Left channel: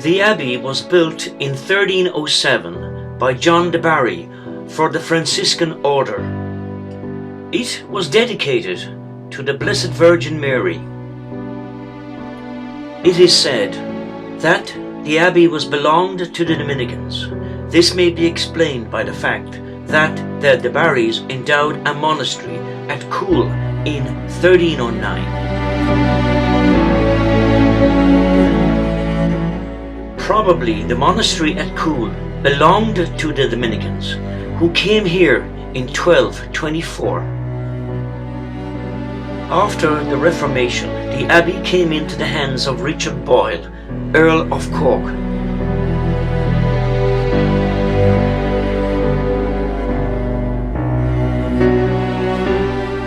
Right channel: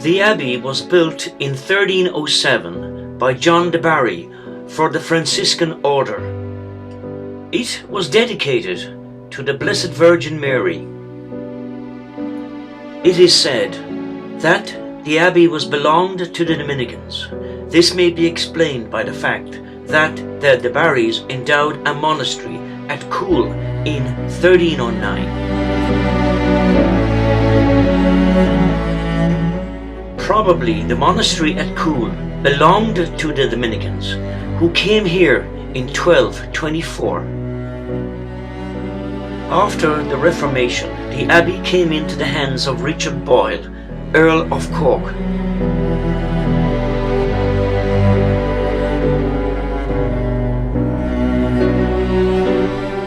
The abbey was built in 1307 by John de Barry for the Franciscan order. It was dedicated to the Blessed Virgin Mary. It is said that the abbey was belonged to the Dominicans. This may be explained by the fact that the de Barrys endowed a monastery at Coole in 1309. Probably the monastery at Coole belonged to the Dominicans, who came here in 1224. After the Reformation, the abbey came into the hands of Richard Boyle, Earl of Cork.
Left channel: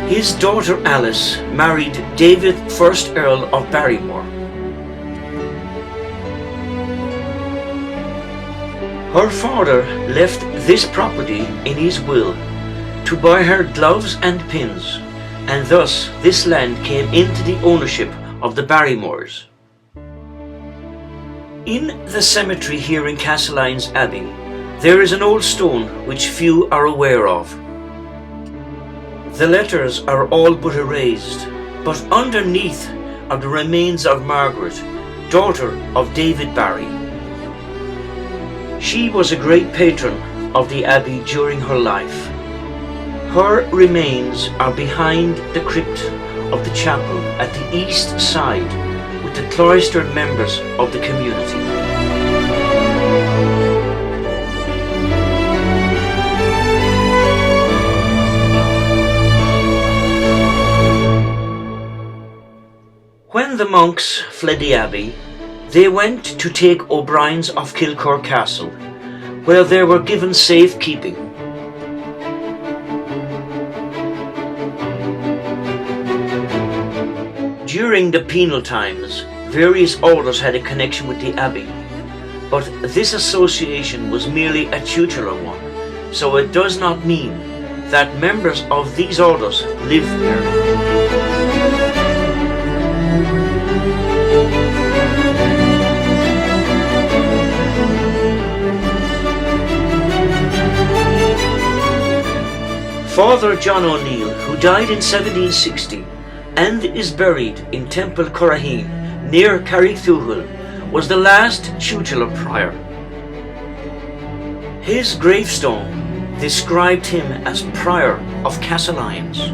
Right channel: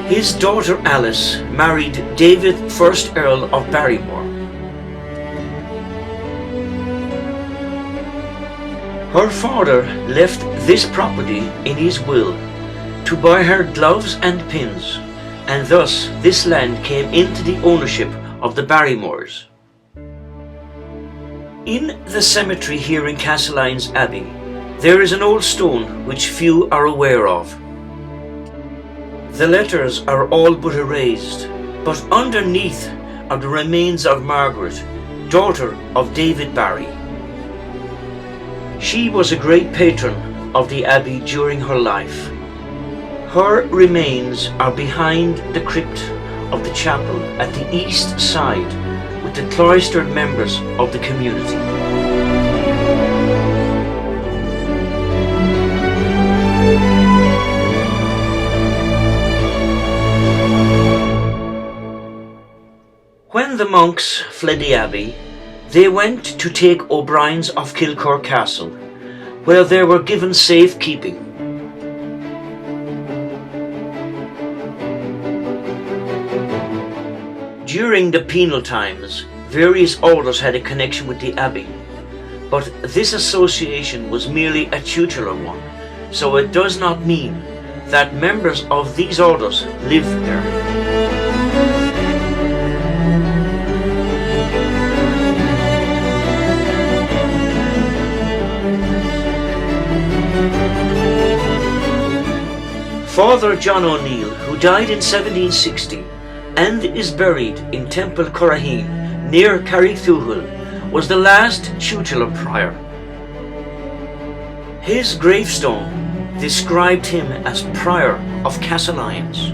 His daughter Alice married David, 1st Earl of Barrymore. Her father left this property in his will to buy her gloves and pins, and thus this land came into the ownership of the Barrymores. In the cemetery here in Castlelyons Abbey, there is an old stone which few are aware of. The letters are all but erased, but underneath are the remains of Margaret, daughter of David Barry. She was a great patron of the abbey during her life. Her remains are behind the crypt of the chapel at the east side with the cloistered members of the community. When the monks fled the abbey, they went to take O'Brien's of Kilcour Castle, where they were given safe keeping. During the penal times, various orders had a connection with the abbey, but this association was merely a tutelar one, so it does not mean that members of these orders lived there. Father John O'Neill, who died in 1760 and is buried in Temple Curraheen near Carrigthuachail, was the last tutelar prior. His gravestone described him as Prior of Castlelyons.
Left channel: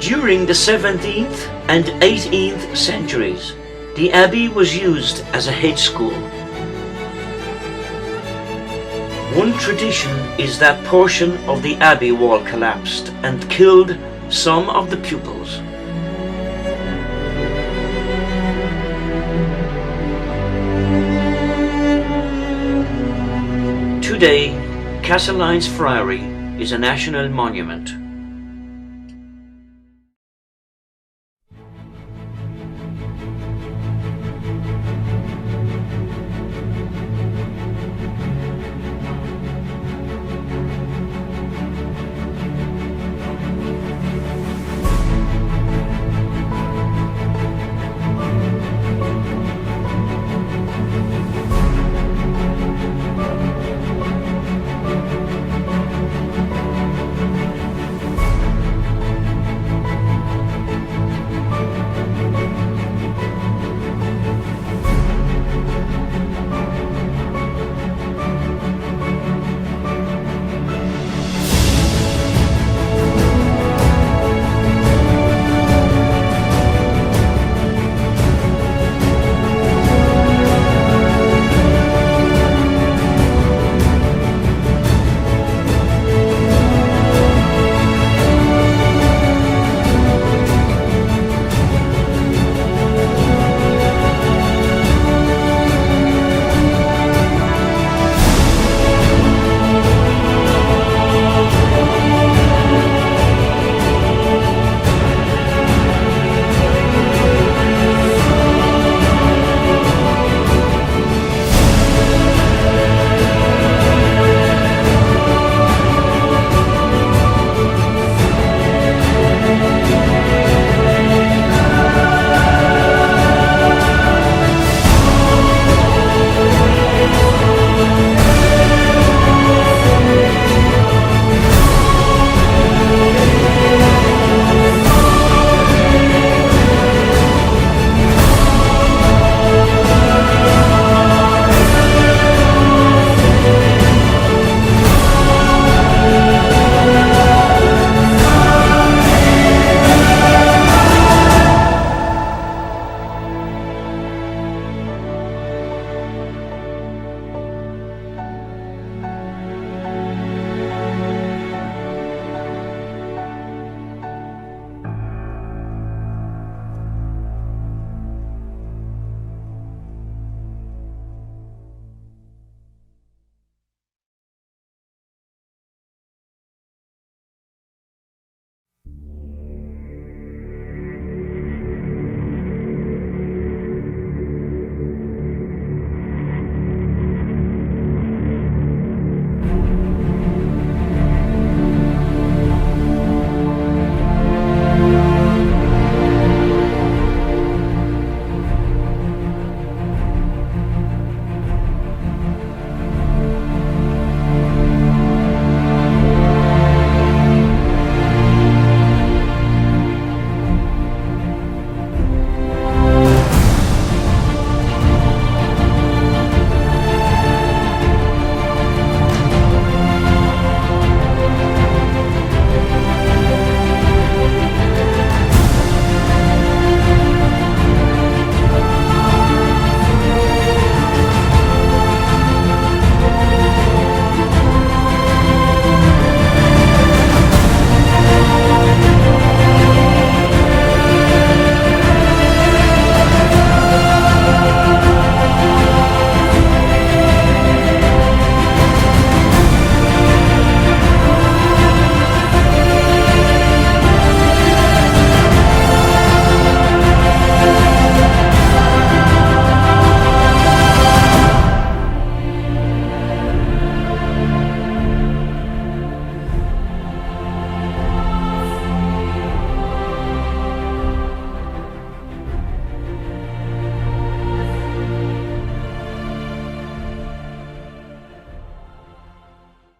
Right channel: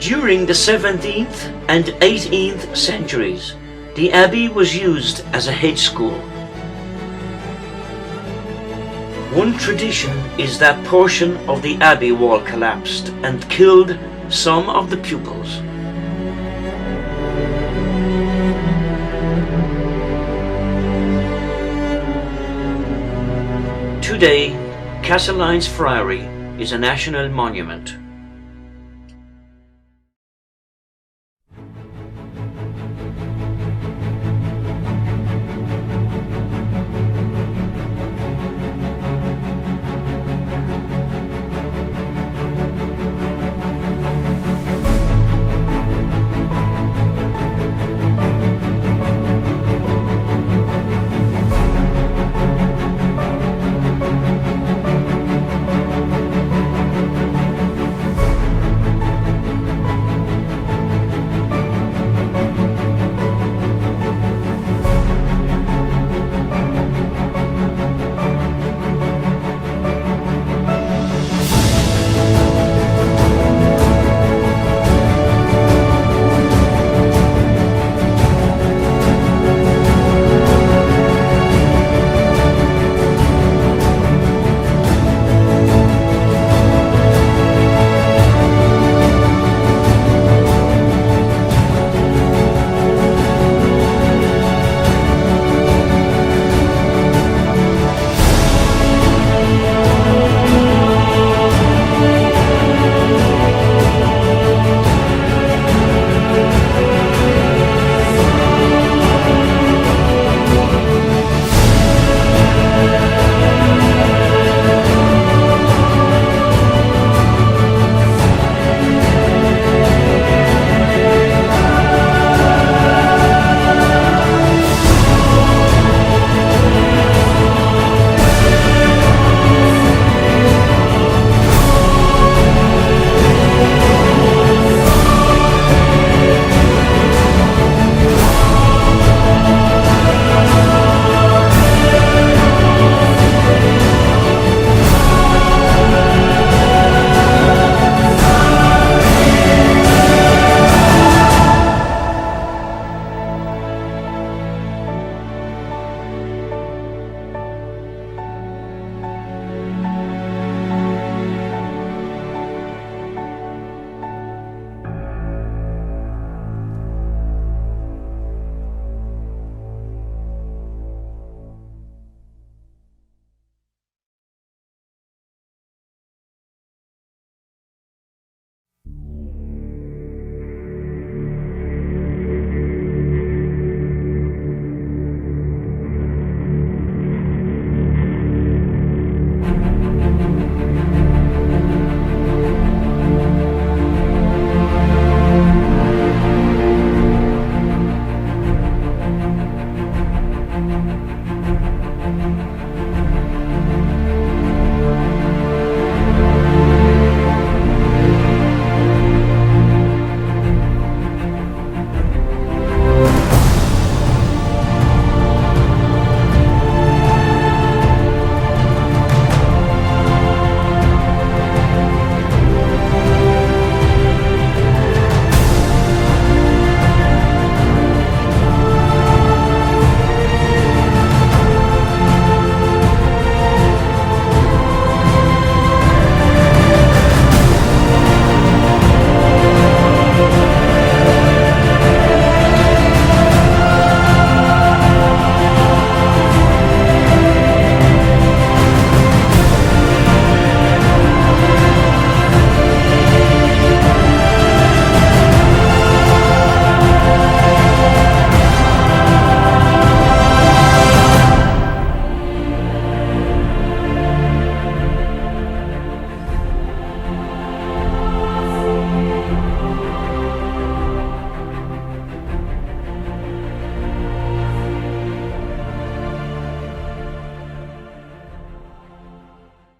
During the 17th and 18th centuries, the abbey was used as a hedge school. One tradition is that portion of the abbey wall collapsed and killed some of the pupils. Today, Castlelyons Friary is a national monument.